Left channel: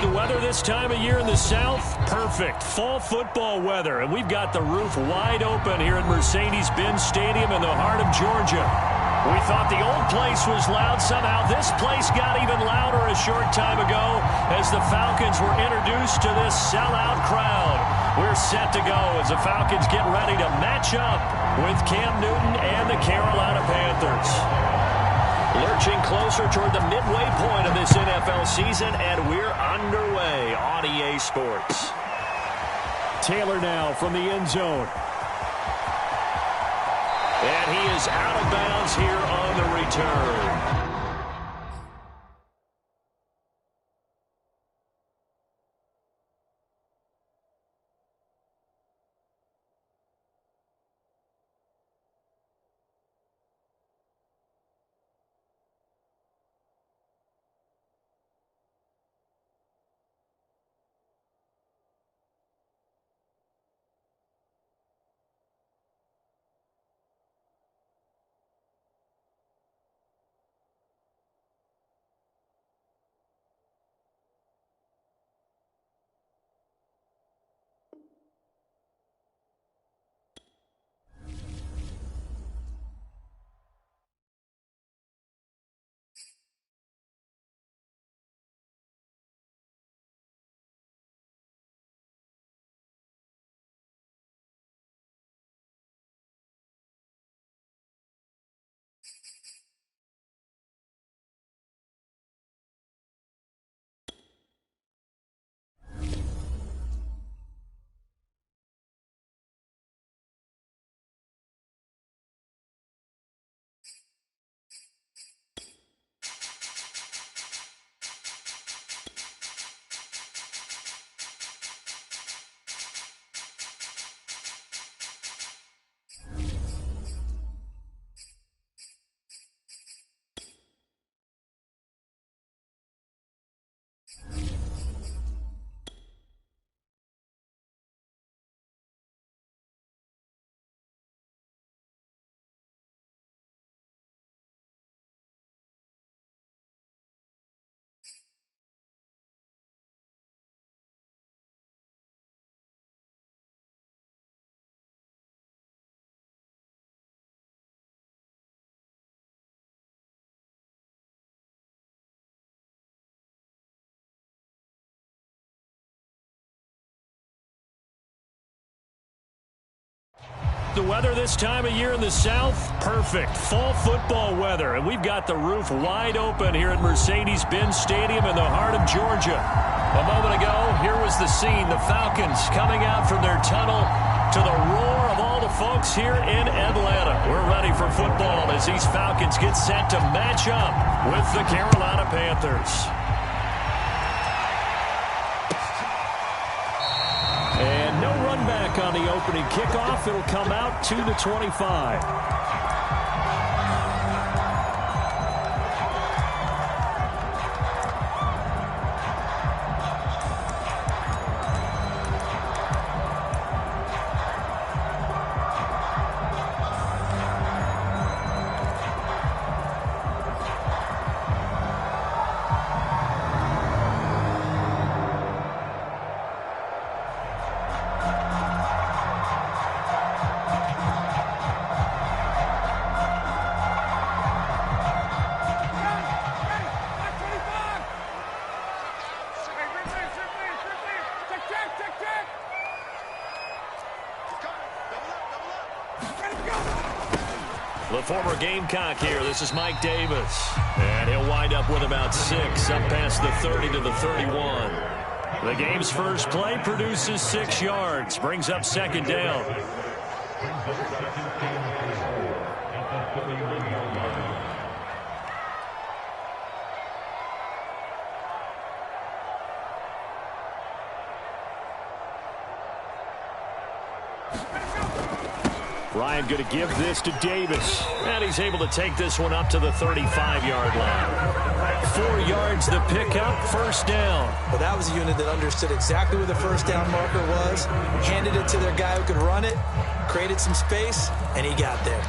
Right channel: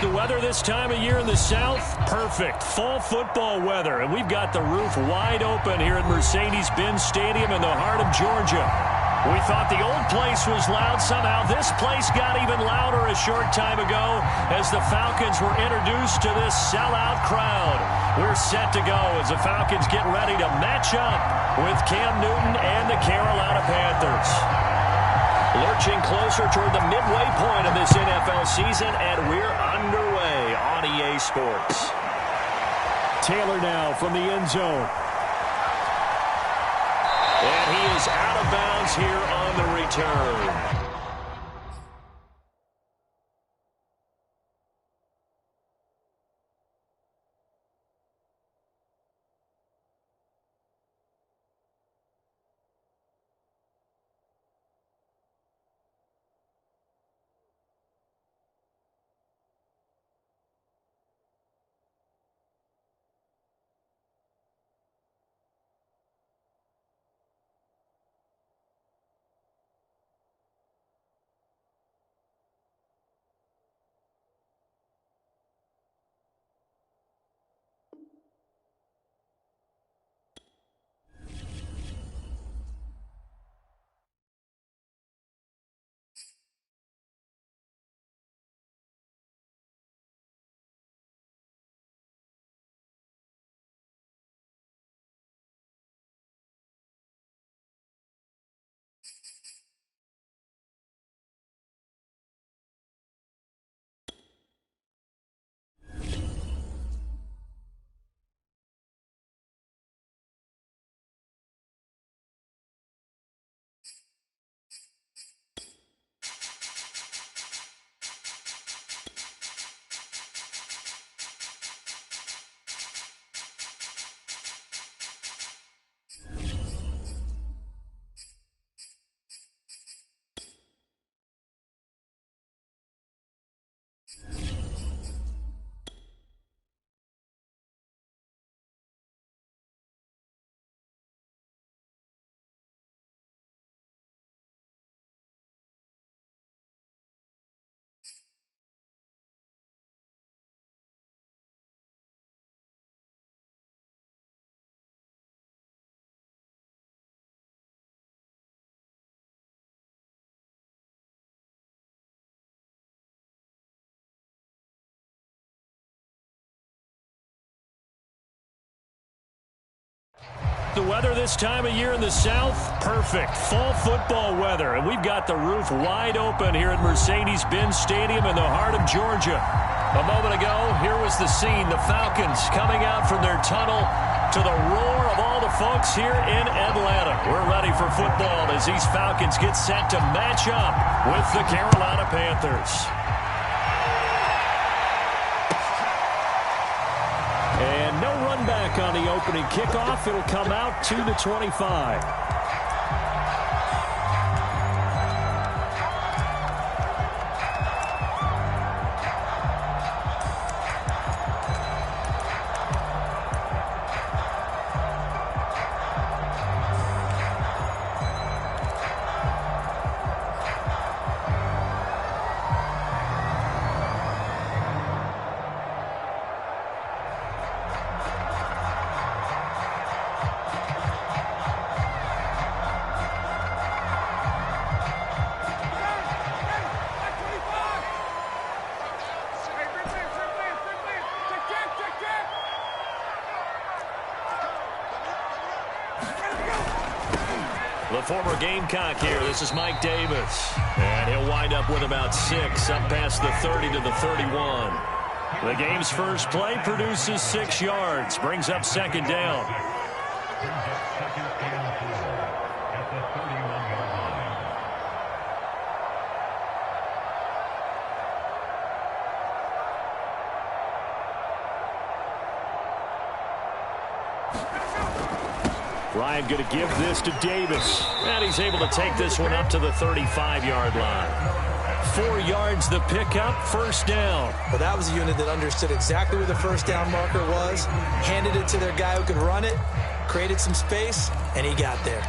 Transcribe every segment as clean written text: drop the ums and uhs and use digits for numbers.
The weather this time of year in the South, perfect. Fall football weather, and we've got the roof wide open here at Mercedes-Benz Stadium in the heart of Georgia. We thought the old place was loud. Somehow this place got even louder a short time ago as the Falcons were introduced to this sellout crowd. We're set to go as the Falcons get ready to match up with Cam Newton and the Carolina Panthers. Lurching closer toward the midway point of this NFL season, and we're underway on EA Sports. Taylor now from the end zone. And he is out of bounds here on the return. The weather this time of year in the South, perfect. Fall football weather, and we've got the roof wide open here at Mercedes-Benz Stadium in the heart of Georgia. A moment ago, here was the scene. The Falcons coming out from their tunnel to the roar of all the folks here in Atlanta. We're ready for football as these Falcons get set to match up with the Carolina Panthers. And no run back on the opening kickoff. It'll come out to the 25. The former Gamecock here. This is Mike Davis. And he'll wind up with about 6, up past the 30 to the 31. The game's first play produces 6 yards, brings up second down. Ryan going to give this to Davis. And he's able to take this one up to the 35-yard line. 4 yards the pickup, first down. Well, that was a unit that understood exactly where the first down marker was, handed it to their guy who could run it, created some space, and he got there.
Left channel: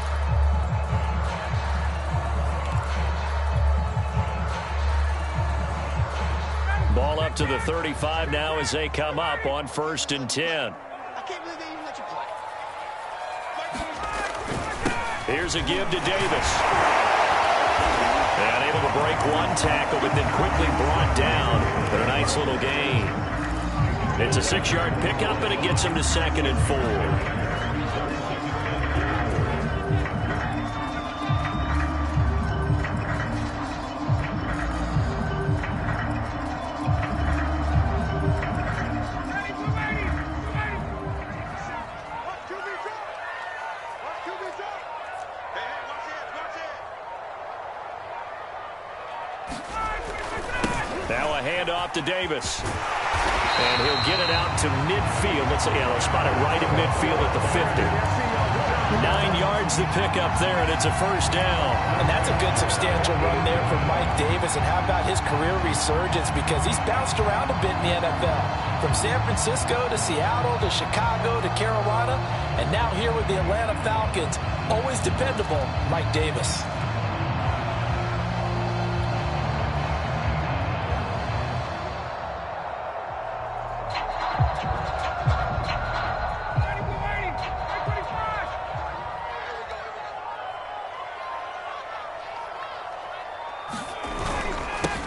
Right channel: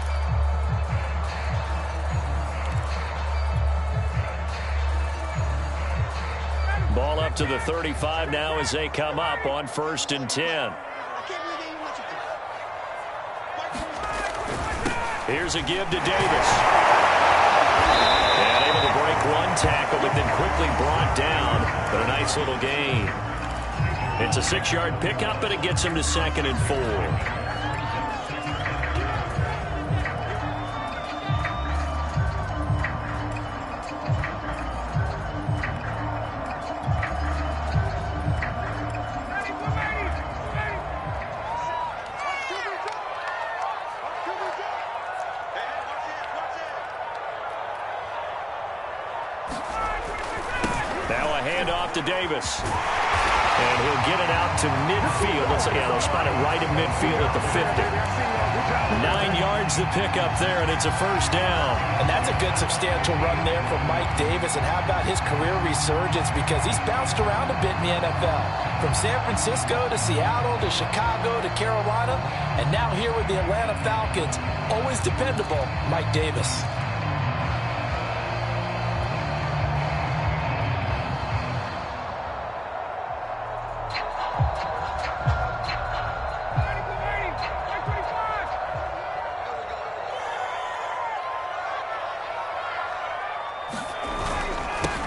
Ball Ball up to the 35 now as they come up on 1st and 10. Here's a give to Davis. And able to break one tackle, but then quickly brought down. But a nice little gain. It's a 6-yard pickup, and it gets him to 2nd and 4. Now a handoff to Davis. And he'll get it out to midfield. They'll spot it right in midfield at the 50. 9 yards to pick up there, and it's a 1st down. And that's a good substantial run there for Mike Davis. And how about his career resurgence? Because he's bounced around a bit in the NFL. From San Francisco to Seattle to Chicago to Carolina. And now here with the Atlanta Falcons. Always dependable, Mike Davis.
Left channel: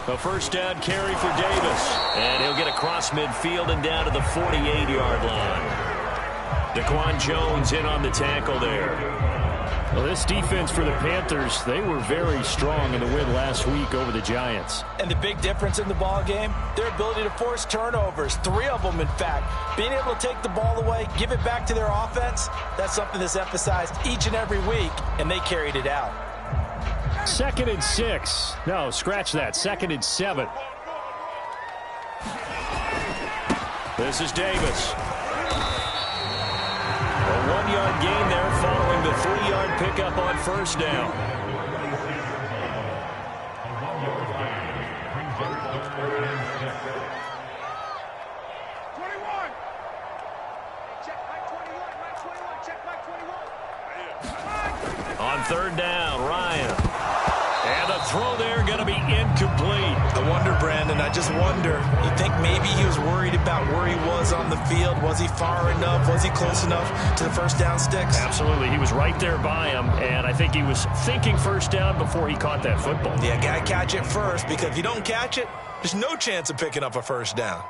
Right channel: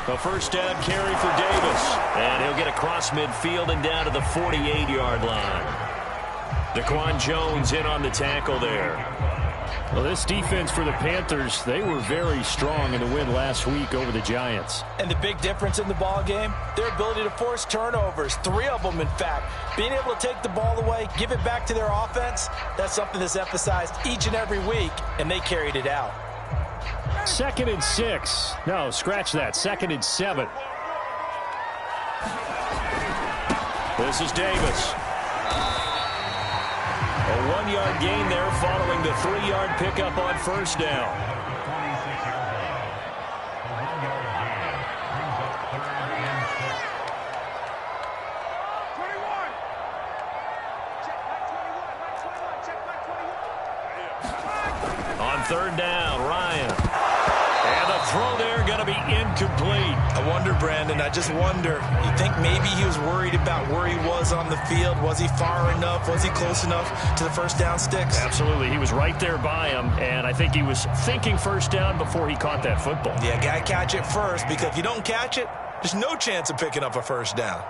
A 1st down carry for Davis. And he'll get across midfield and down to the 48-yard line. Daquan Jones in on the tackle there. Well, this defense for the Panthers, they were very strong in the win last week over the Giants. And the big difference in the ball game, their ability to force turnovers, 3 of them, in fact. Being able to take the ball away, give it back to their offense, that's something that's emphasized each and every week, and they carried it out. 2nd and 6. No, scratch that. 2nd and 7. This is Davis. A 1-yard gain there following the 3-yard pickup on 1st down. On 3rd down, Ryan. And the throw there going to be incomplete. I wonder, Brandon, I just wonder. You think maybe he was worried about where he was on the field? Was he far enough? Was he close enough to the 1st down sticks? Absolutely. He was right there by him, and I think he was thinking 1st down before he caught that football. Yeah, got to catch it first, because if you don't catch it, there's no chance of picking up a 1st down.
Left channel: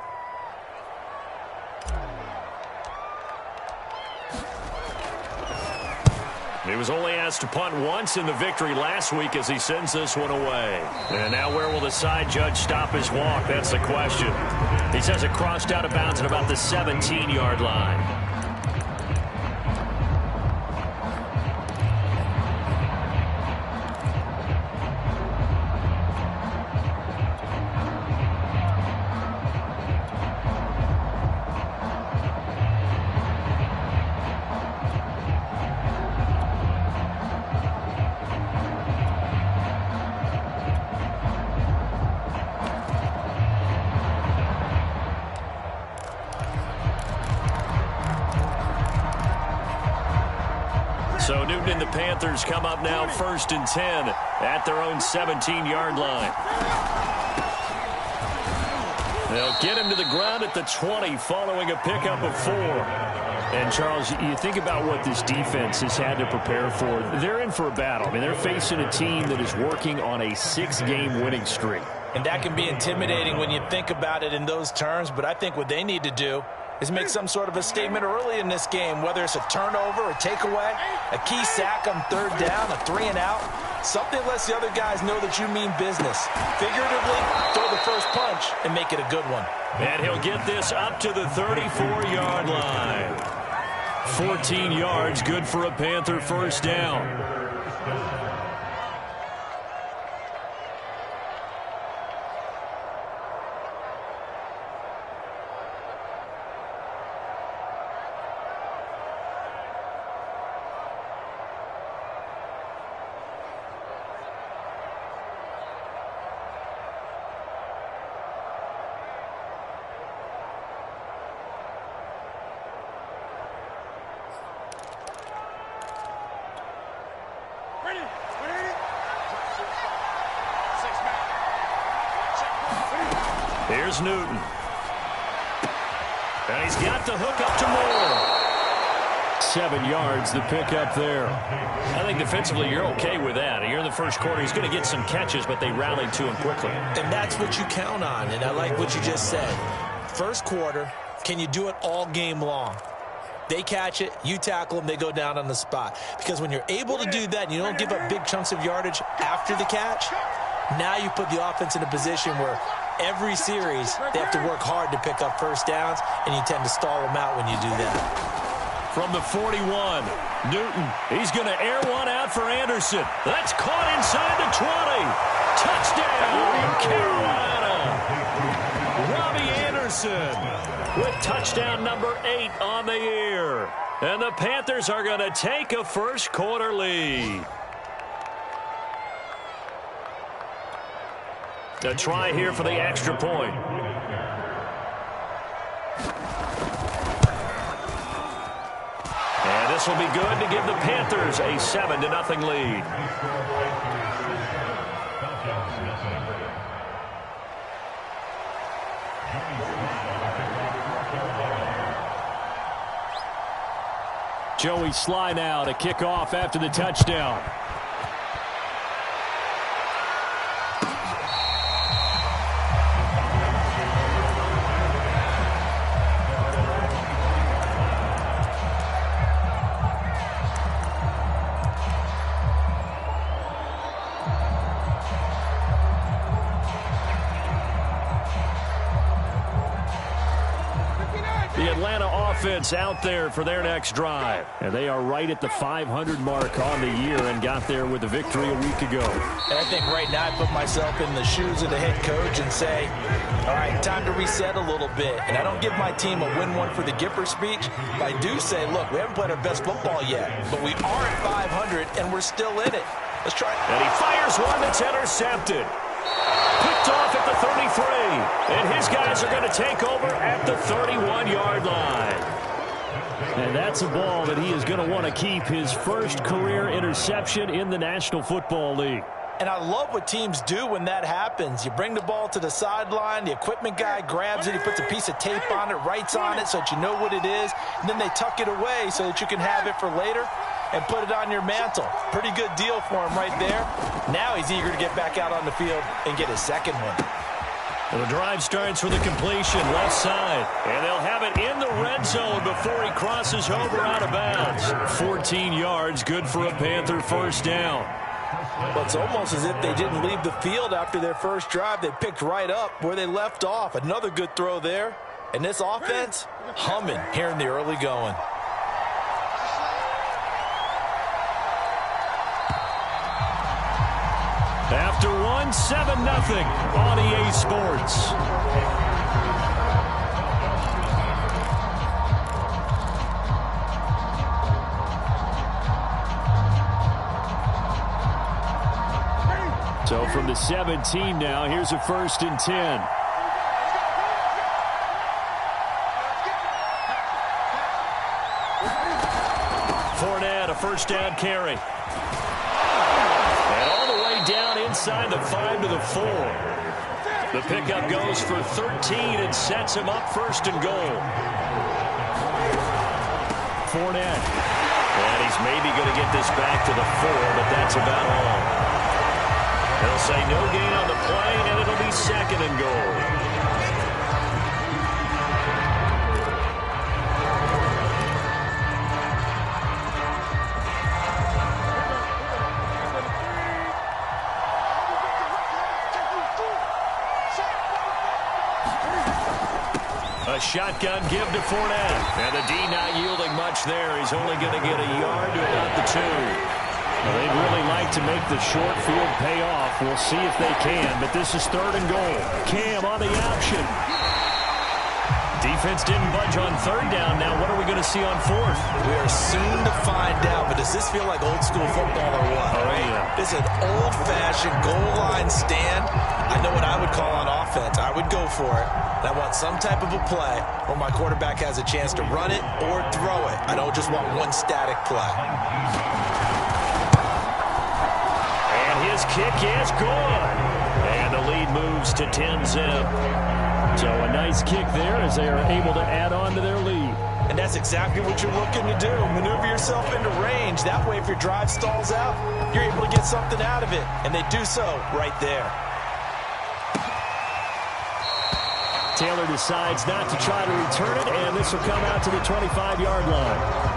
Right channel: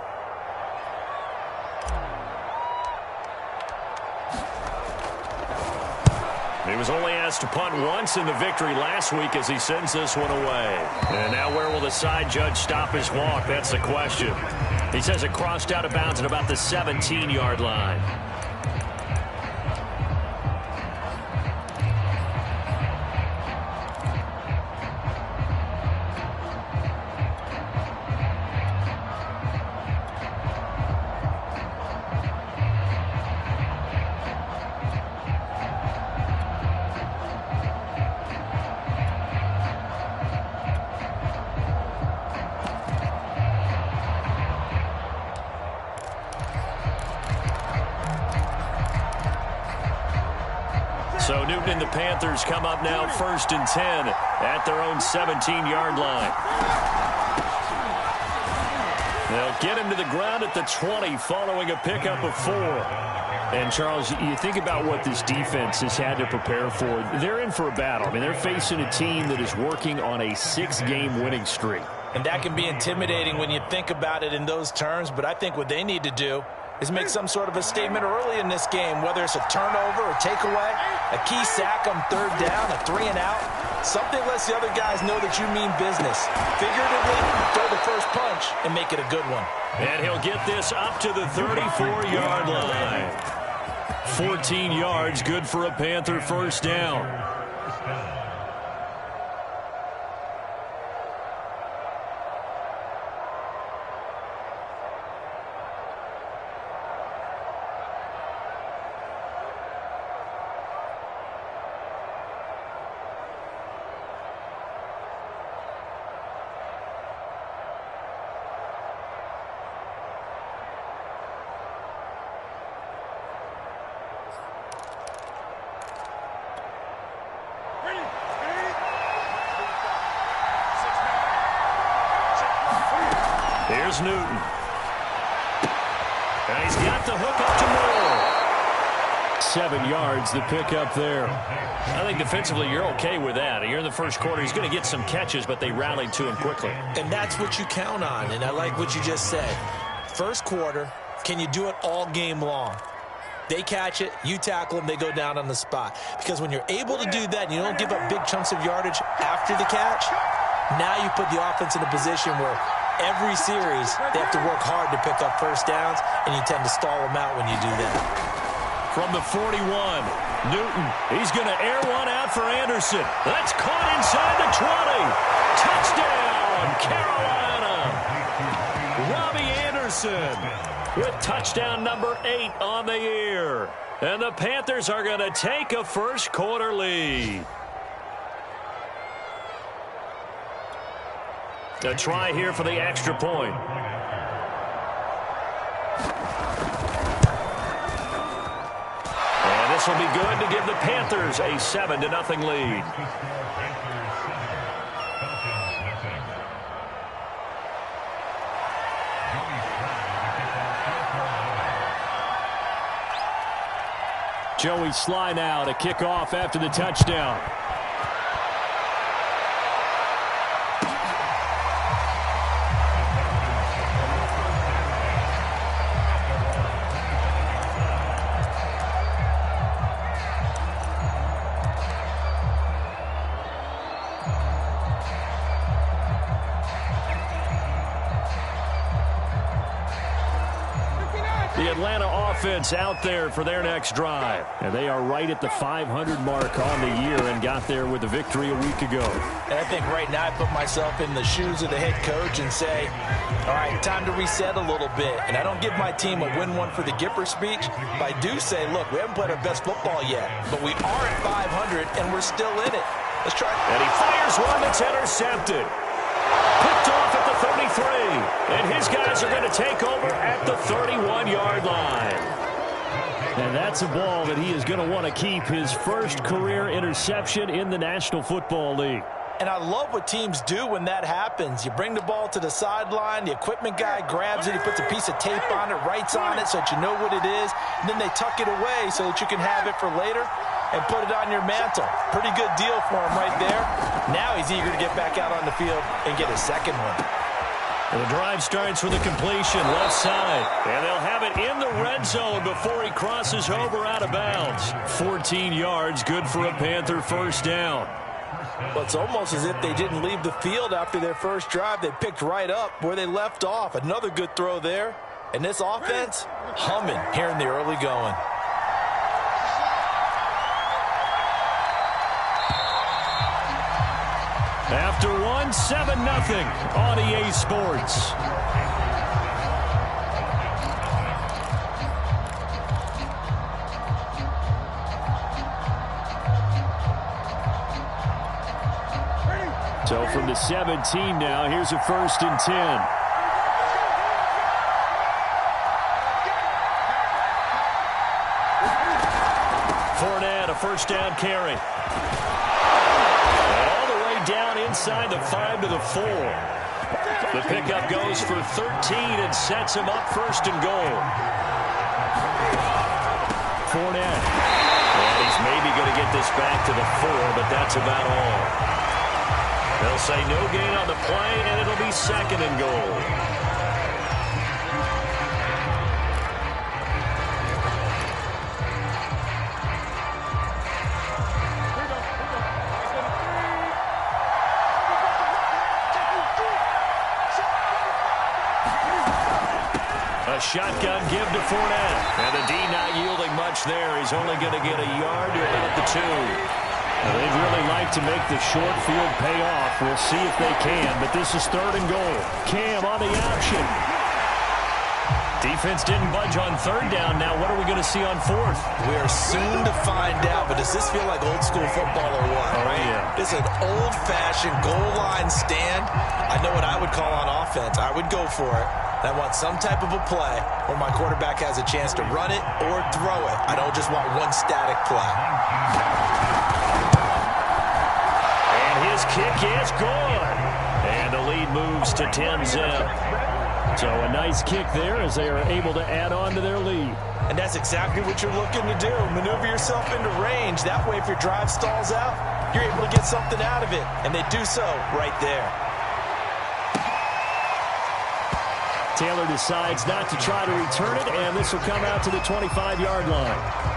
He was only asked to punt once in the victory last week as he sends this one away. And now where will the side judge stop his walk? That's the question. He says it crossed out of bounds at about the 17-yard line. So Newton and the Panthers come up now 1st and 10 at their own 17-yard line. They'll get him to the ground at the 20 following a pickup of 4. And, Charles, you think about what this defense has had to prepare for. They're in for a battle. I mean, they're facing a team that is working on a 6-game winning streak. And that can be intimidating when you think about it in those terms, but I think what they need to do is make some sort of a statement early in this game, whether it's a turnover, a takeaway, a key sack on 3rd down, a 3-and-out. Something lets the other guys know that you mean business. Figuratively, throw the first punch and make it a good one. And he'll get this up to the 34-yard line. 14 yards, good for a Panther 1st down. Ready? Here's Newton. And he's got the hook up to Moore. 7 yards, the pickup there. I think defensively you're okay with that. You're in the first quarter. He's going to get some catches, but they rallied to him quickly. And that's what you count on, and I like what you just said. First quarter, can you do it all game long? They catch it, you tackle them, they go down on the spot. Because when you're able to do that and you don't give up big chunks of yardage after the catch, now you put the offense in a position where every series they have to work hard to pick up first downs, and you tend to stall them out when you do that. From the 41, Newton, he's going to air one out for Anderson. That's caught inside the 20. Touchdown, Carolina. Robbie Anderson with touchdown number 8 on the year. And the Panthers are going to take a first quarter lead. A try here for the extra point. And this will be good to give the Panthers a 7-0 lead. Joey Sly now to kick off after the touchdown. The Atlanta offense out there for their next drive. And they are right at the 500 mark on the year and got there with a victory a week ago. And I think right now I put myself in the shoes of the head coach and say, all right, time to reset a little bit. And I don't give my team a win one for the Gipper speech, but I do say, look, we haven't played our best football yet, but we are at 500 and we're still in it. Let's try it. And he fires one that's intercepted. Picked off at the 33. And his guys are going to take over at the 31-yard line. And that's a ball that he is going to want to keep, his first career interception in the National Football League. And I love what teams do when that happens. You bring the ball to the sideline, the equipment guy grabs it, he puts a piece of tape on it, writes on it so that you know what it is, and then they tuck it away so that you can have it for later and put it on your mantle. Pretty good deal for him right there. Now he's eager to get back out on the field and get his second one. And the drive starts with a completion left side. And they'll have it in the red zone before he crosses over out of bounds. 14 yards, good for a Panther first down. Well, it's almost as if they didn't leave the field after their first drive. They picked right up where they left off. Another good throw there. And this offense, humming here in the early going. After one, 7-0 on EA Sports. So from the 17 now, here's a 1st and 10. Fournette, a first down carry. And all the way down inside the 5 to the 4. The pickup goes for 13 and sets him up 1st and goal. Fournette. And he's maybe going to get this back to the 4, but that's about all. They'll say no gain on the play, and it'll be 2nd and goal. A shotgun give to Fournette. And the D not yielding much there. He's only going to get a yard to about the 2. Well, they'd really like to make the short field pay off. We'll see if they can, but this is 3rd and goal. Cam on the option. Defense didn't budge on 3rd down. Now what are we going to see on 4th? We are soon to find out, but does this feel like old school football or what? Oh, right? yeah. This is an old-fashioned goal line stand. I know what I would call on offense. I would go for it. I want some type of a play where my quarterback has a chance to run it or throw it. I don't just want one static play. And his kick is good. And the lead moves to 10-zip. So a nice kick there as they are able to add on to their lead. And that's exactly what you're looking to do. Maneuver yourself into range. That way, if your drive stalls out, you're able to get something out of it. And they do so right there. Taylor decides not to try to return it, and this will come out to the 25-yard line.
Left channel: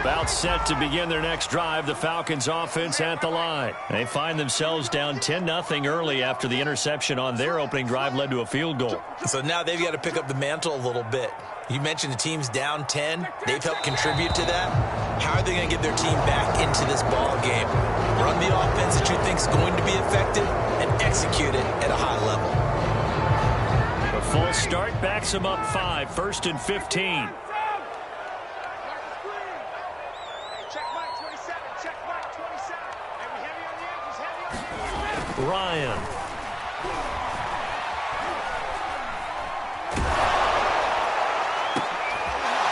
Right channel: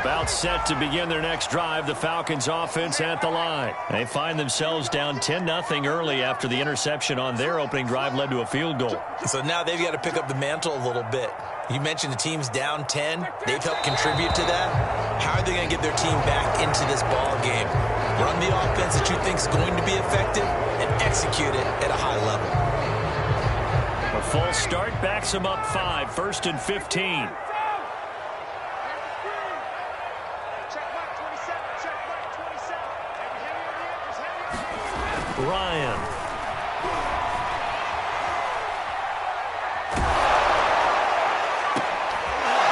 About set to begin their next drive, the Falcons offense at the line. They find themselves down 10-0 early after the interception on their opening drive led to a field goal. So now they've got to pick up the mantle a little bit. You mentioned the team's down 10. They've helped contribute to that. How are they going to get their team back into this ball game? Run the offense that you think is going to be effective and execute it at a high level. A false start backs them up 5, 1st and 15. Ryan.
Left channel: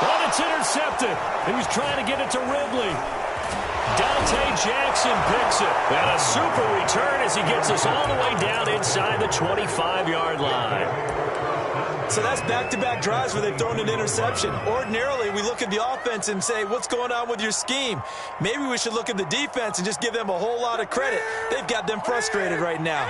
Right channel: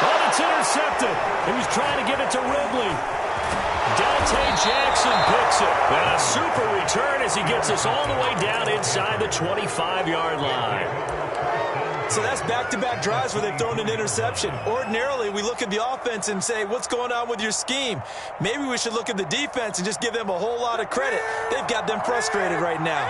Oh, it's intercepted. He was trying to get it to Ridley. Dante Jackson picks it. And a super return as he gets us all the way down inside the 25-yard line. So that's back-to-back drives where they've thrown an interception. Ordinarily, we look at the offense and say, what's going on with your scheme? Maybe we should look at the defense and just give them a whole lot of credit. They've got them frustrated right now.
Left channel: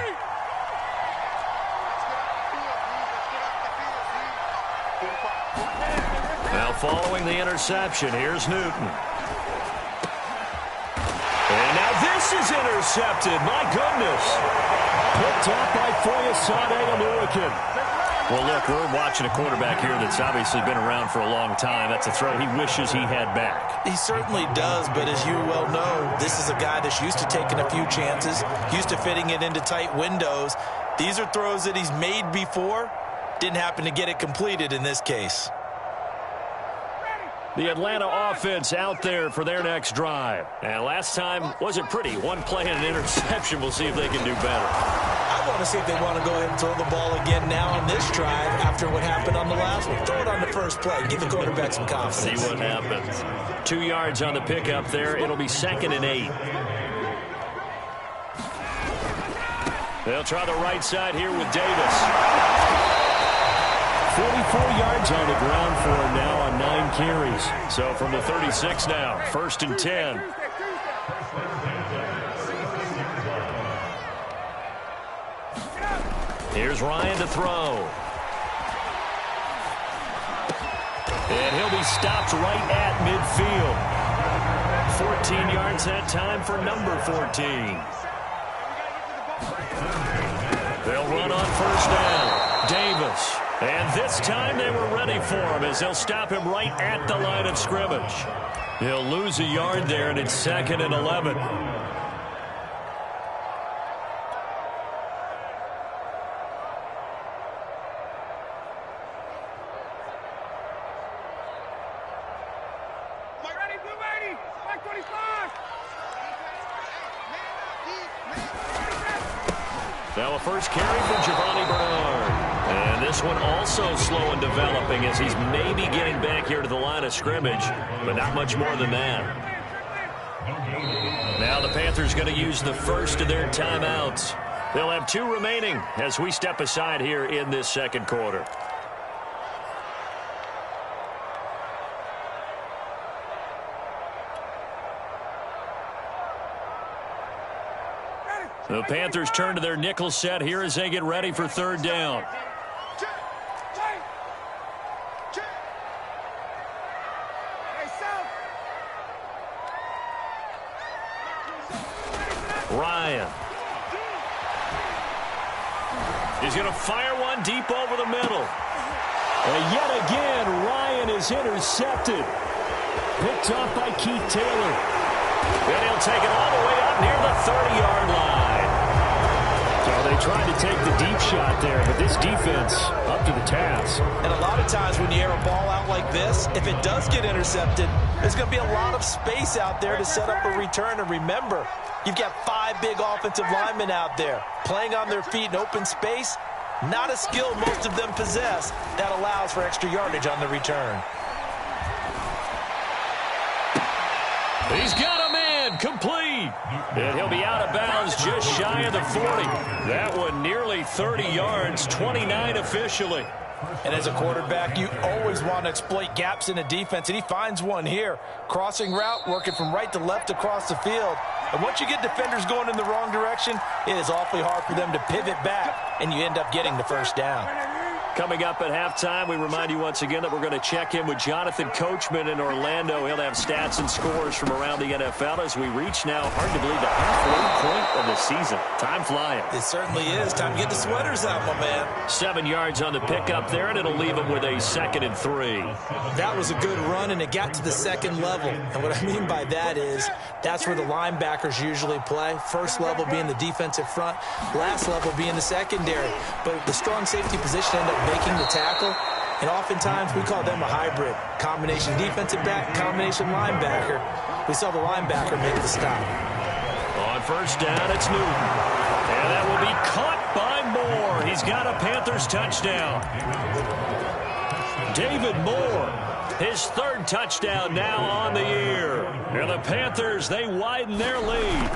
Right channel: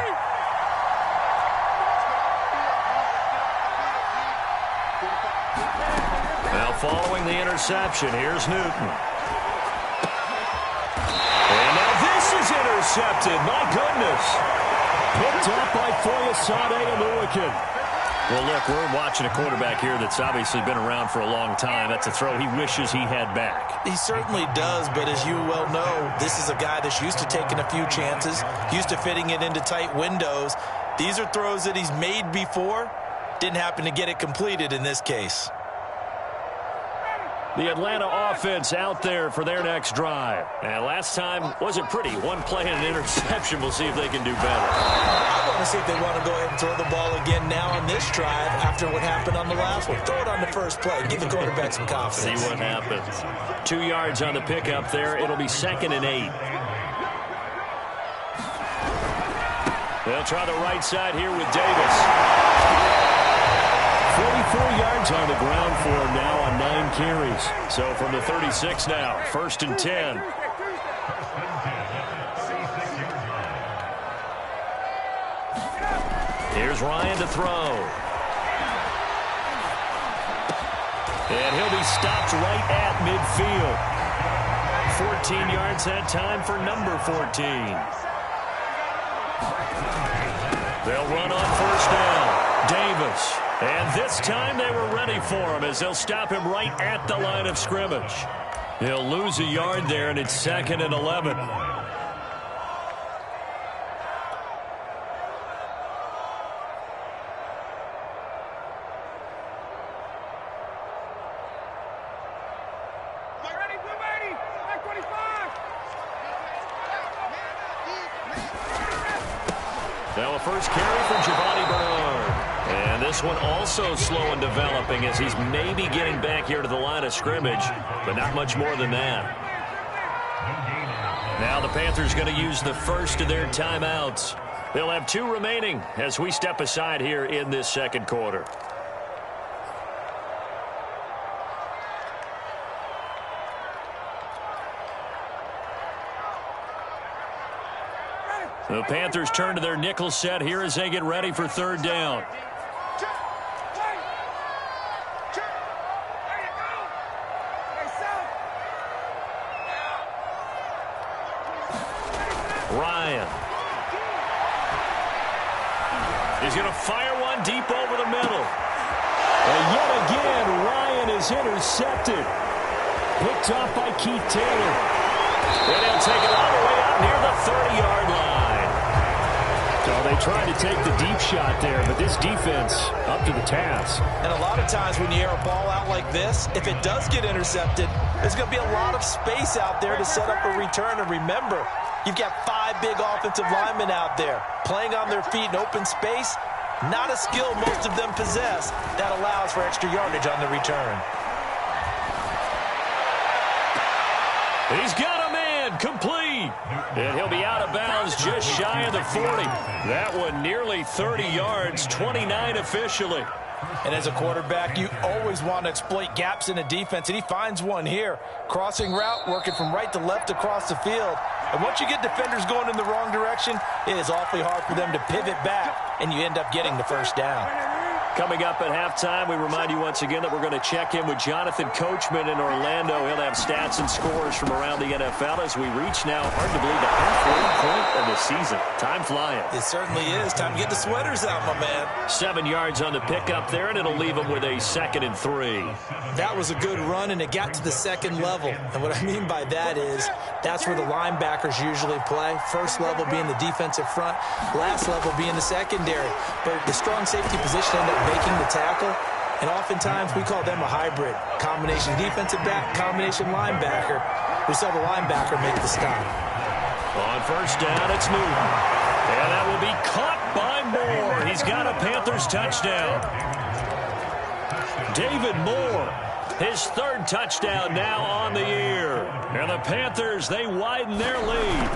Now following the interception, here's Newton. And now this is intercepted. My goodness. Picked up by Foyesade Oluwakin. Well, look, we're watching a quarterback here that's obviously been around for a long time. That's a throw he wishes he had back. He certainly does, but as you well know, this is a guy that's used to taking a few chances, used to fitting it into tight windows. These are throws that he's made before. Didn't happen to get it completed in this case. The Atlanta offense out there for their next drive. And last time wasn't pretty. One play and an interception. We'll see if they can do better. I want to see if they want to go ahead and throw the ball again now on this drive after what happened on the last one. Throw it on the first play. Give the quarterback some confidence. See what happens. 2 yards on the pickup there. It'll be 2nd and 8. They'll try the right side here with Davis. 44 yards on the ground for him now on 9 carries. So from the 36 now, 1st and 10. Here's Ryan to throw. And he'll be stopped right at midfield. 14 yards that time for number 14. They'll run on 1st down. Davis. And this time they were ready for him as they'll stop him right at the line of scrimmage. He'll lose a yard there, and it's 2nd and 11. Now a first carry for Giovanni Bernard. And this one also slow in developing as he's maybe getting back here to the line of scrimmage, but not much more than that. Now the Panthers going to use the first of their timeouts. They'll have 2 remaining as we step aside here in this 2nd quarter. The Panthers turn to their nickel set here as they get ready for 3rd down. Ryan. He's going to fire one deep over the middle. And yet again, Ryan is intercepted. Picked off by Keith Taylor. And he'll take it all the way up near the 30-yard line. So they tried to take the deep shot there, but this defense up to the task. And a lot of times when you air a ball out like this, if it does get intercepted, there's going to be a lot of space out there to set up a return. And remember, You've got 5 big offensive linemen out there playing on their feet in open space. Not a skill most of them possess that allows for extra yardage on the return. He's got a man complete. And he'll be out of bounds just shy of the 40. That one nearly 30 yards, 29 officially. And as a quarterback, you always want to exploit gaps in a defense, and he finds one here. Crossing route, working from right to left across the field. And once you get defenders going in the wrong direction, it is awfully hard for them to pivot back, and you end up getting the first down. Coming up at halftime, we remind you once again that we're going to check in with Jonathan Coachman in Orlando. He'll have stats and scores from around the NFL as we reach now, hard to believe, the halfway point of the season. Time flying. It certainly is. Time to get the sweaters out, my man. 7 yards on the pickup there, and it'll leave him with a 2nd and 3. That was a good run, and it got to the second level. And what I mean by that is that's where the linebackers usually play. First level being the defensive front, last level being the secondary. But the strong safety position ended up making the tackle, and oftentimes we call them a hybrid. Combination defensive back, combination linebacker. We saw the linebacker make the stop. On first down, it's Newton. And that will be caught by Moore. He's got a Panthers touchdown. David Moore, his 3rd touchdown now on the year. And the Panthers, they widen their lead.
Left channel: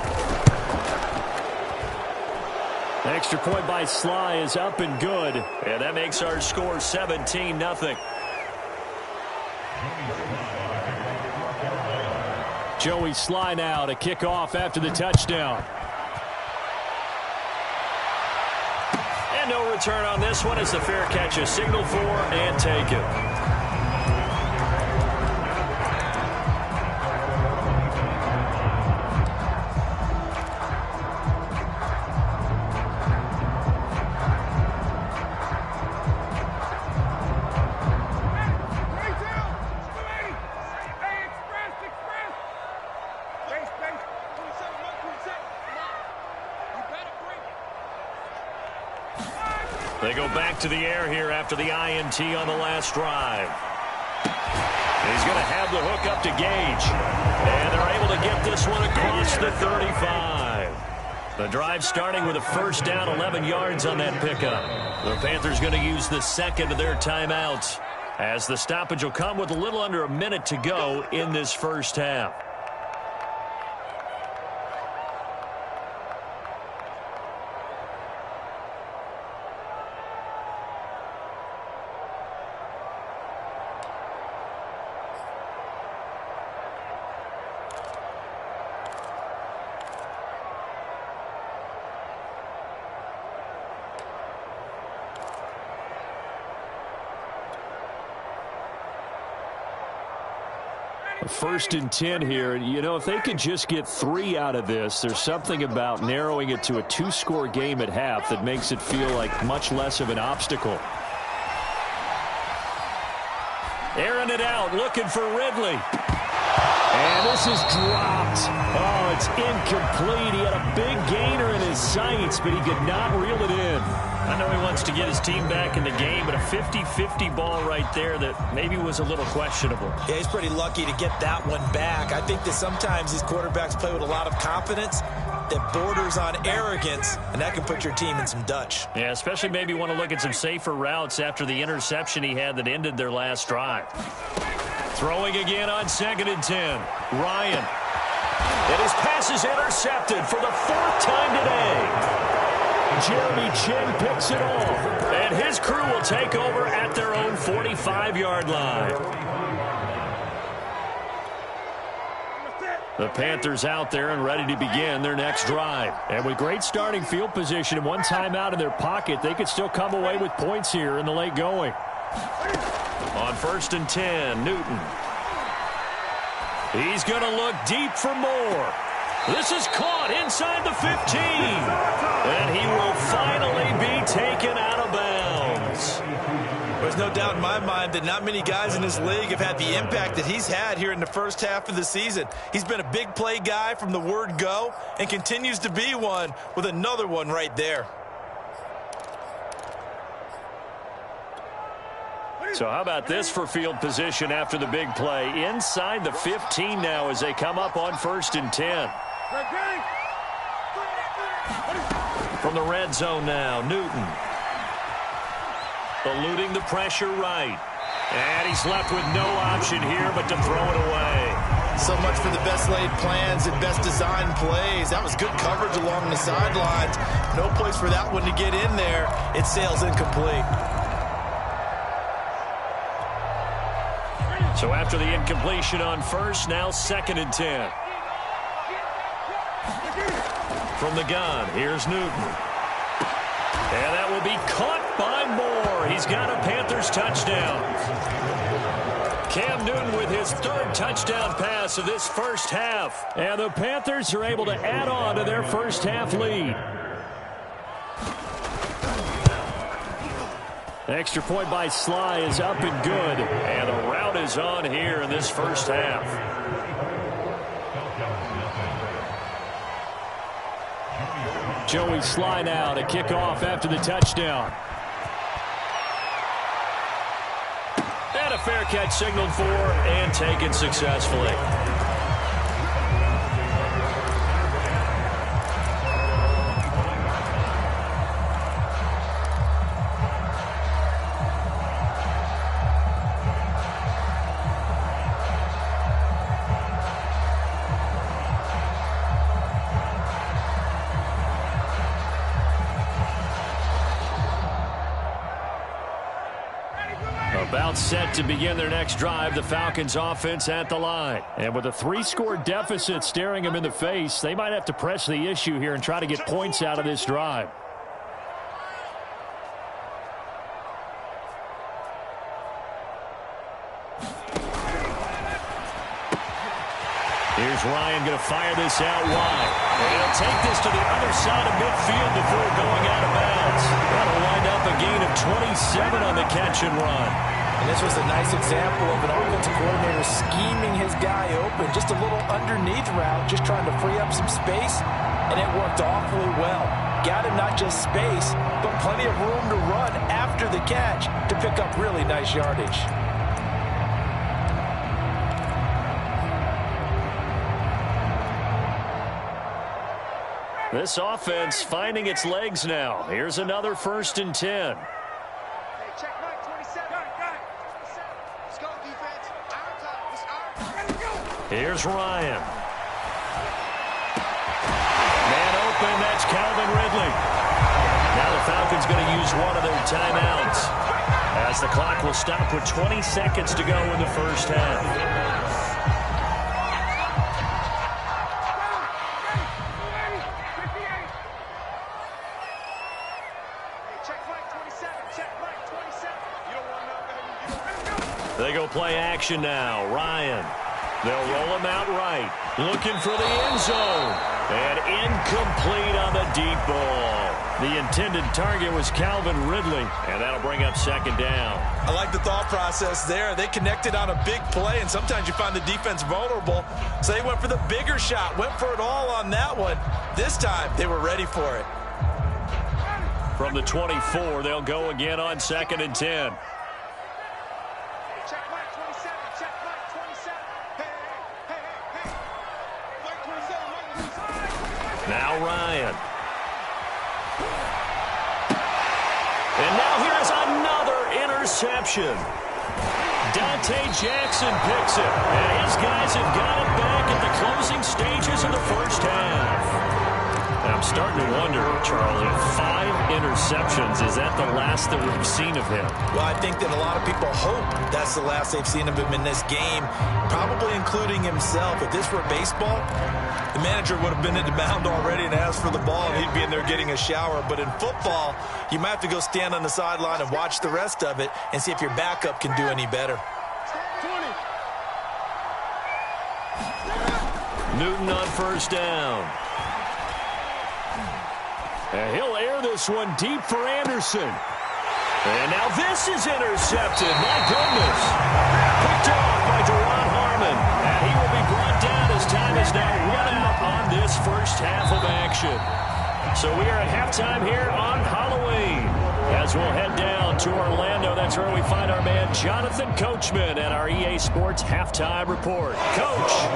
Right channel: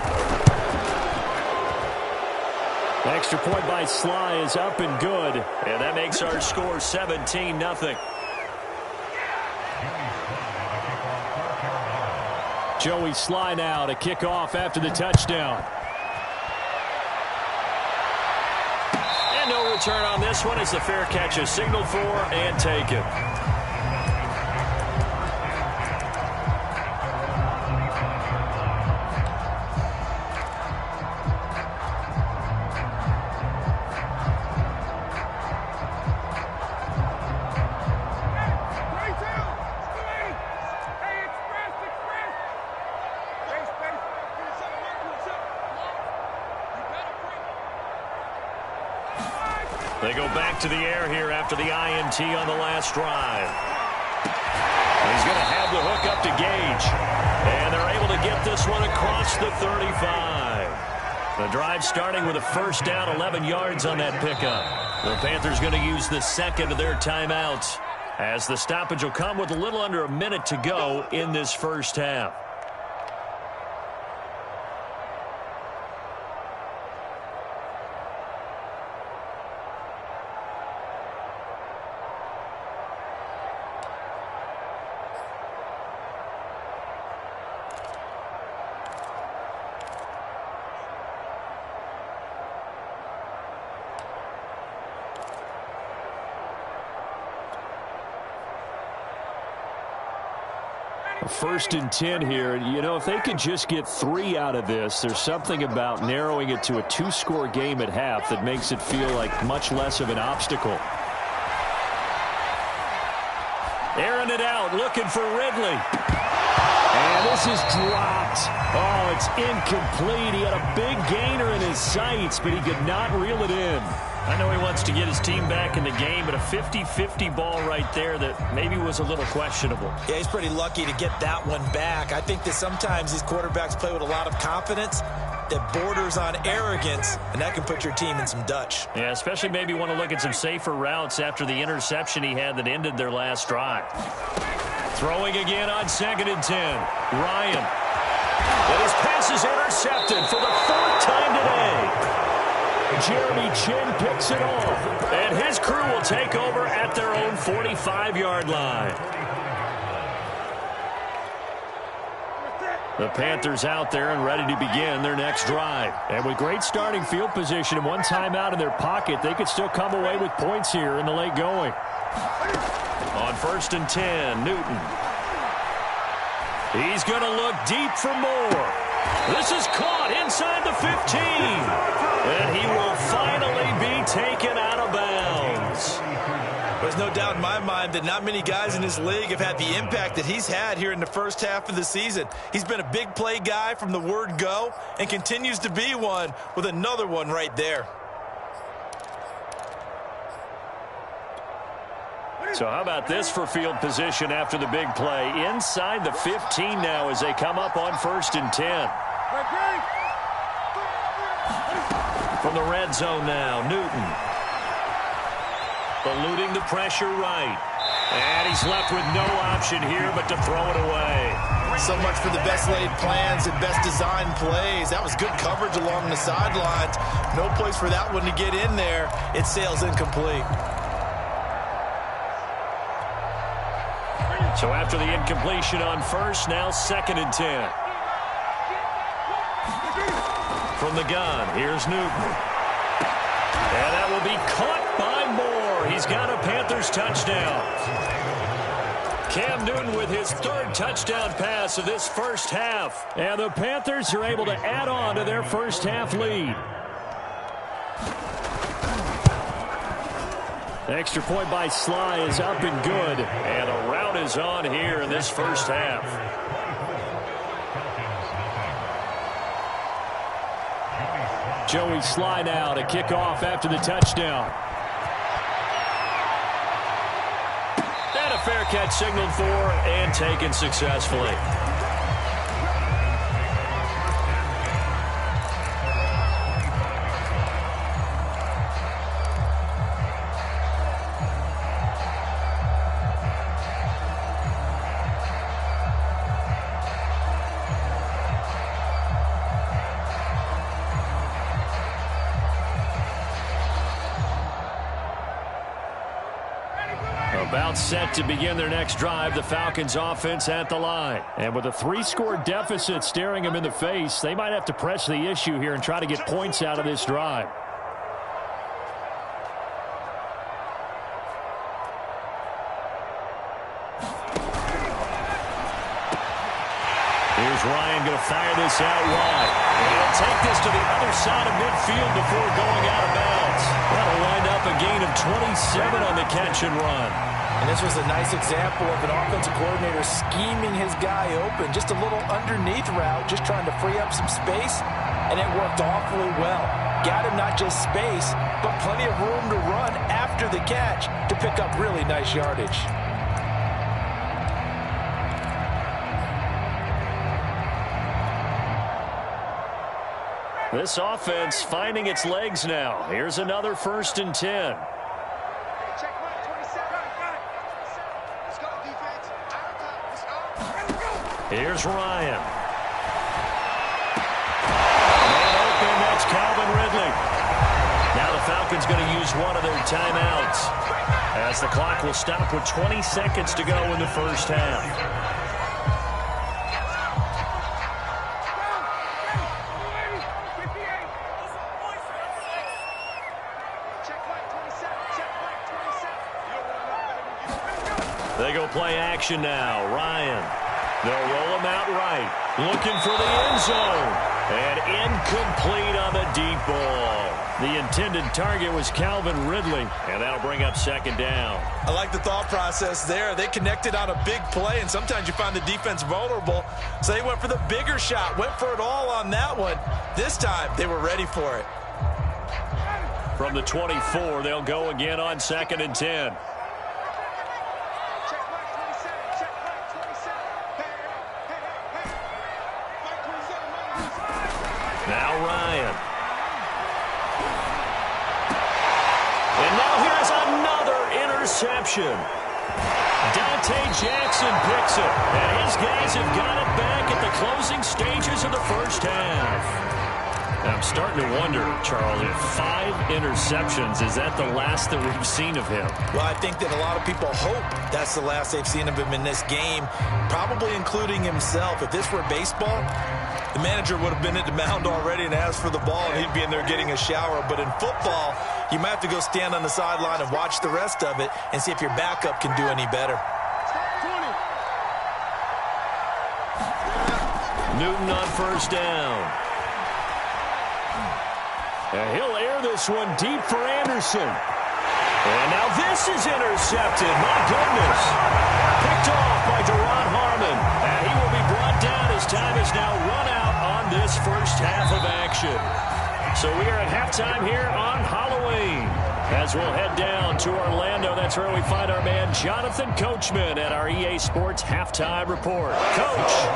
Extra point by Sly is up and good. And that makes our score 17-0. Joey Sly now to kick off after the touchdown. And no return on this one as the fair catch is signaled for and taken. They go back to the air here after the INT on the last drive. He's going to have the hook up to Gage. And they're able to get this one across the 35. The drive starting with a first down, 11 yards on that pickup. The Panthers going to use the 2nd of their timeouts, as the stoppage will come with a little under a minute to go in this first half. First and 10 here. You know, if they could just get 3 out of this, there's something about narrowing it to a 2-score game at half that makes it feel like much less of an obstacle. Airing it out, looking for Ridley. And this is dropped. Oh, it's incomplete. He had a big gainer in his sights, but he could not reel it in. I know he wants to get his team back in the game, but a 50-50 ball right there that maybe was a little questionable. Yeah, he's pretty lucky to get that one back. I think that sometimes these quarterbacks play with a lot of confidence that borders on arrogance, and that can put your team in some Dutch. Yeah, especially maybe want to look at some safer routes after the interception he had that ended their last drive. Throwing again on 2nd and 10. Ryan. And his pass is intercepted for the 4th time today. Jeremy Chin picks it off. And his crew will take over at their own 45-yard line. The Panthers out there and ready to begin their next drive. And with great starting field position and one timeout in their pocket, they could still come away with points here in the late going. On 1st and 10, Newton. He's going to look deep for Moore. This is caught inside the 15. And he will finally be taken out of bounds. There's no doubt in my mind that not many guys in this league have had the impact that he's had here in the first half of the season. He's been a big play guy from the word go and continues to be one with another one right there. So how about this for field position after the big play? Inside the 15 now as they come up on 1st and 10. From the red zone now, Newton. Eluding the pressure right. And he's left with no option here but to throw it away. So much for the best laid plans and best designed plays. That was good coverage along the sidelines. No place for that one to get in there. It sails incomplete. So after the incompletion on first, now 2nd and 10. From the gun, here's Newton. And that will be caught by Moore. He's got a Panthers touchdown. Cam Newton with his 3rd touchdown pass of this first half. And the Panthers are able to add on to their first half lead. Extra point by Sly is up and good. And the rout is on here in this first half. Joey Sly now to kick off after the touchdown. And a fair catch signaled for and taken successfully. About set to begin their next drive, the Falcons offense at the line. And with a 3-score deficit staring them in the face, they might have to press the issue here and try to get points out of this drive. Here's Ryan going to fire this out wide. And he'll take this to the other side of midfield before going out of bounds. That'll wind up a gain of 27 on the catch and run. And this was a nice example of an offensive coordinator scheming his guy open. Just a little underneath route, just trying to free up some space, and it worked awfully well. Got him not just space, but plenty of room to run after the catch to pick up really nice yardage. This offense finding its legs now. Here's another 1st and 10. Here's Ryan. Man open, that's Calvin Ridley. Now the Falcons going to use one of their timeouts as the clock will stop with 20 seconds to go in the first half. They go play action now. Ryan. They'll roll him out right. Looking for the end zone. And incomplete on the deep ball. The intended target was Calvin Ridley. And that'll bring up 2nd down. I like the thought process there. They connected on a big play, and sometimes you find the defense vulnerable. So they went for the bigger shot. Went for it all on that one. This time, they were ready for it. From the 24, they'll go again on 2nd and 10. Now Ryan. And now here's another interception. Dante Jackson picks it. And his guys have got it back at the closing stages of the first half. I'm starting to wonder, Charles, if 5 interceptions, is that the last that we've seen of him? Well, I think that a lot of people hope that's the last they've seen of him in this game, probably including himself. If this were baseball, the manager would have been at the mound already and asked for the ball, and he'd be in there getting a shower. But in football, you might have to go stand on the sideline and watch the rest of it and see if your backup can do any better. 20. Newton on 1st down. And he'll air this one deep for Anderson. And now this is intercepted. My goodness. Picked off by Deron Harmon. And he will be brought down as time is now run out on this first half of action. So we are at halftime here on Halloween. As we'll head down to Orlando, that's where we find our man Jonathan Coachman at our EA Sports Halftime Report. Coach.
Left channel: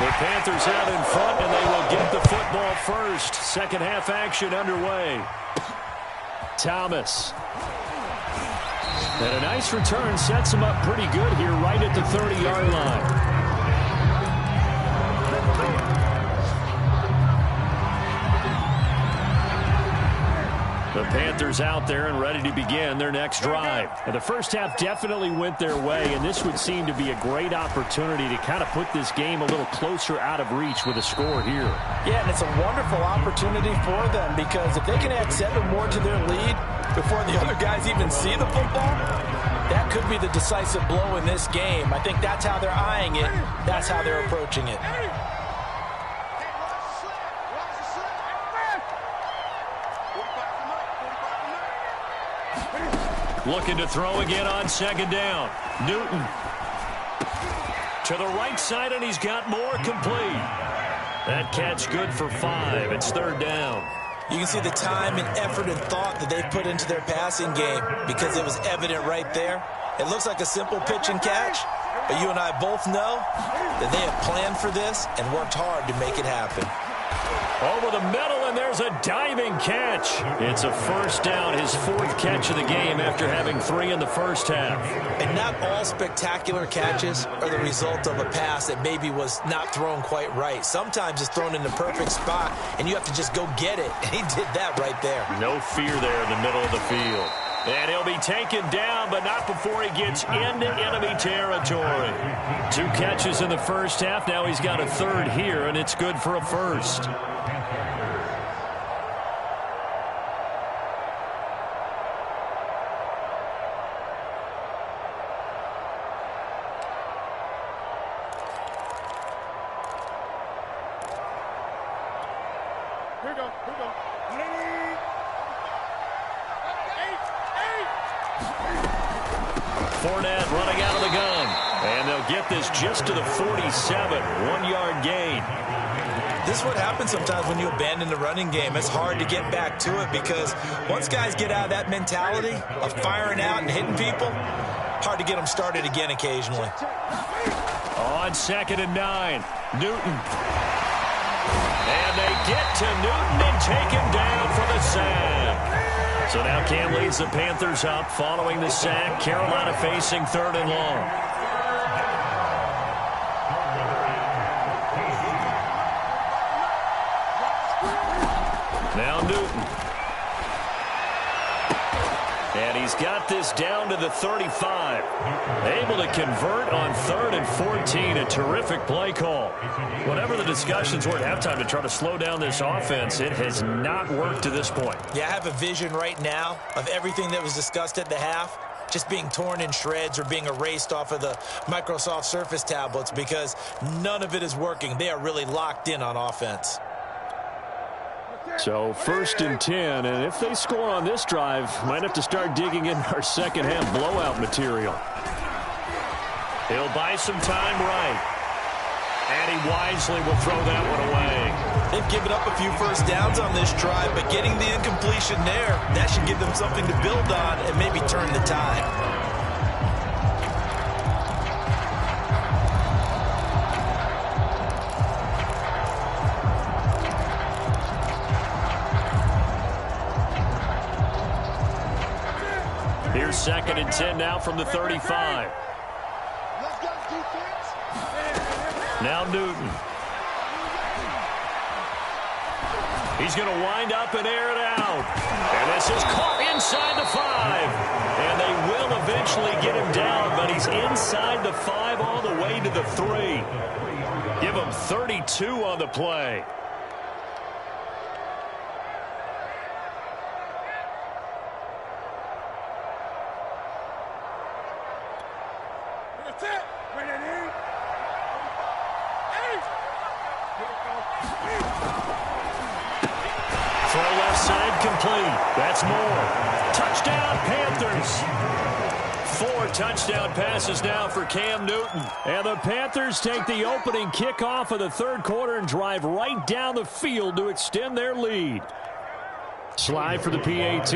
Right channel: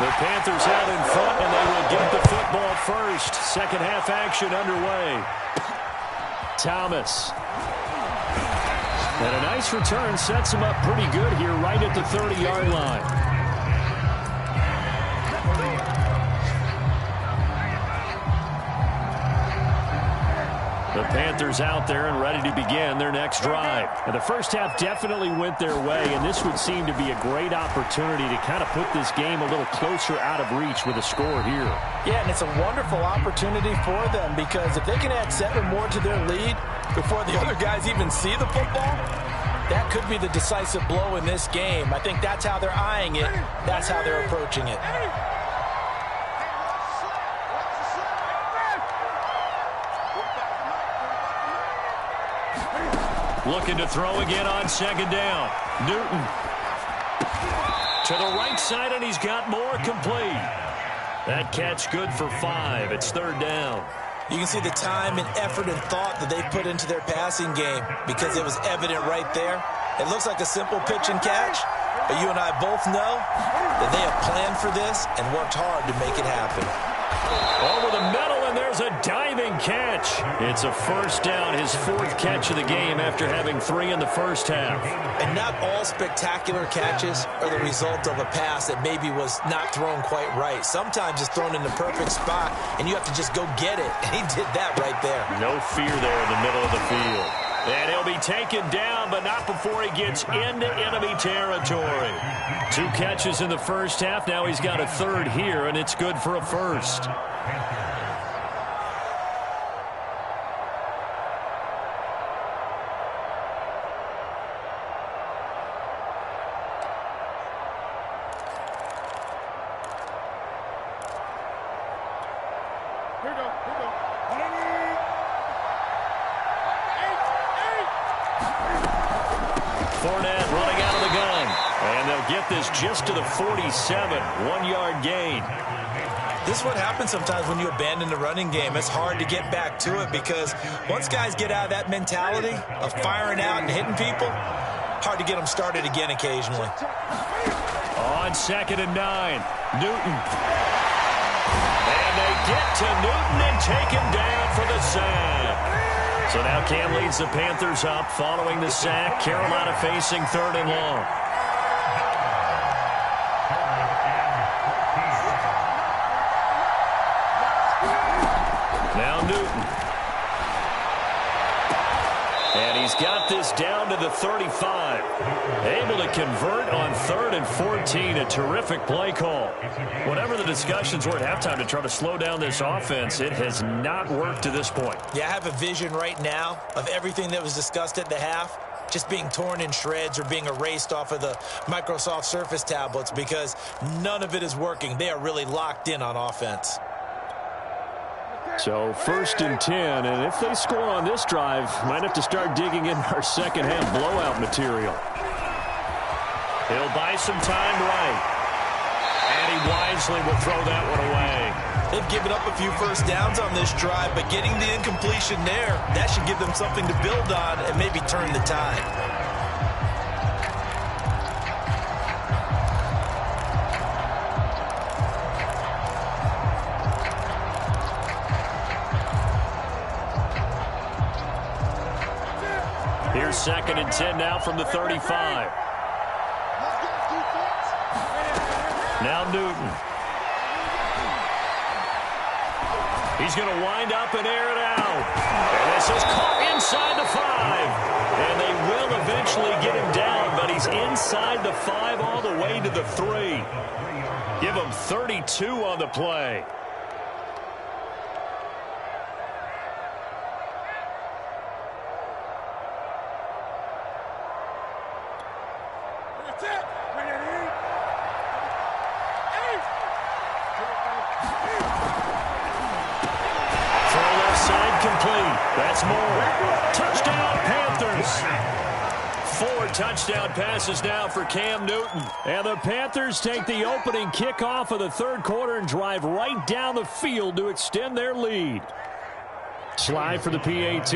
The Panthers out in front, and they will get the football first. Second half action underway. Thomas. And a nice return sets him up pretty good here right at the 30-yard line. The Panthers out there and ready to begin their next drive. And the first half definitely went their way, and this would seem to be a great opportunity to kind of put this game a little closer out of reach with a score here. Yeah, and it's a wonderful opportunity for them because if they can add 7 more to their lead before the other guys even see the football, that could be the decisive blow in this game. I think that's how they're eyeing it. That's how they're approaching it. Looking to throw again on second down. Newton. To the right side, and he's got more complete. That catch good for 5. It's third down. You can see the time and effort and thought that they put into their passing game because it was evident right there. It looks like a simple pitch and catch, but you and I both know that they have planned for this and worked hard to make it happen. Over the middle, and there's a diving catch. It's a first down, his 4th catch of the game after having 3 in the first half. And not all spectacular catches are the result of a pass that maybe was not thrown quite right. Sometimes it's thrown in the perfect spot, and you have to just go get it. And he did that right there. No fear there in the middle of the field. And he'll be taken down, but not before he gets into enemy territory. 2 catches in the first half. Now he's got a 3rd here, and it's good for a first. Here we go. Here we go. 180. Fournette running out of the gun. And they'll get this just to the 47. 1-yard gain. This is what happens sometimes when you abandon the running game. It's hard to get back to it because once guys get out of that mentality of firing out and hitting people, hard to get them started again occasionally. On 2nd and 9, Newton. And they get to Newton and take him down for the sack. So now Cam leads the Panthers up following the sack. Carolina facing 3rd and long. Now Newton. And he's got this down to the 35. Able to convert on 3rd and 14. A terrific play call. Whatever the discussions were at halftime to try to slow down this offense, it has not worked to this point. Yeah, I have a vision right now of everything that was discussed at the half just being torn in shreds or being erased off of the Microsoft Surface tablets because none of it is working. They are really locked in on offense. So 1st and 10, and if they score on this drive, might have to start digging in our second half blowout material. He'll buy some time right. And he wisely will throw that one away. They've given up a few first downs on this drive, but getting the incompletion there, that should give them something to build on and maybe turn the tide. Here's 2nd and 10 now from the 35. Now Newton. He's going to wind up and air it out. And this is caught inside the 5. And they will eventually get him down, but he's inside the 5 all the way to the 3. Give him 32 on the play. Throw left side complete. That's more. Touchdown Panthers. 4 touchdown passes now for Cam Newton. And the Panthers take the opening kickoff of the 3rd quarter and drive right down the field to extend their lead. Slide for the PAT.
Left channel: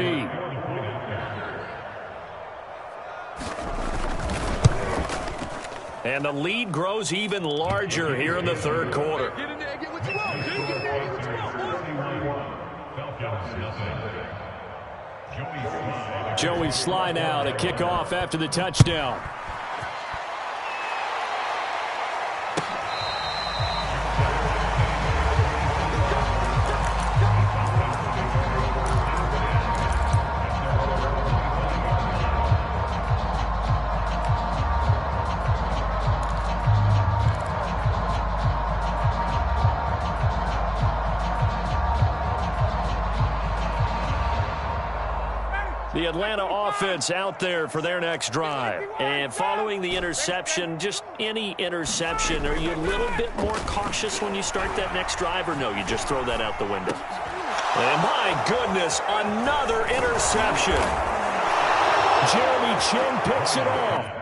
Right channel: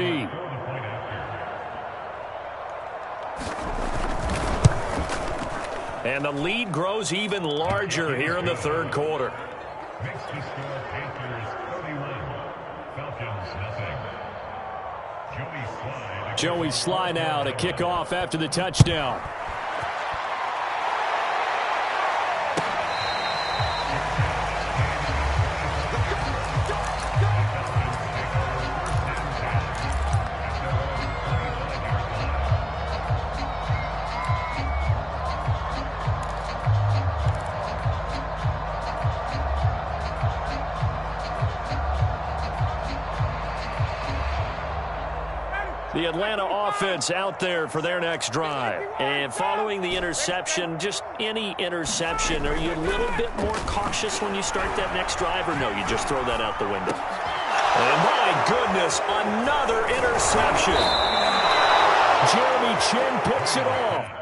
And the lead grows even larger here in the third quarter. Joey Sly now to kick off after the touchdown. The Atlanta offense out there for their next drive. And following the interception, just any interception, are you a little bit more cautious when you start that next drive, or no, you just throw that out the window? And my goodness, another interception. Jeremy Chin picks it off.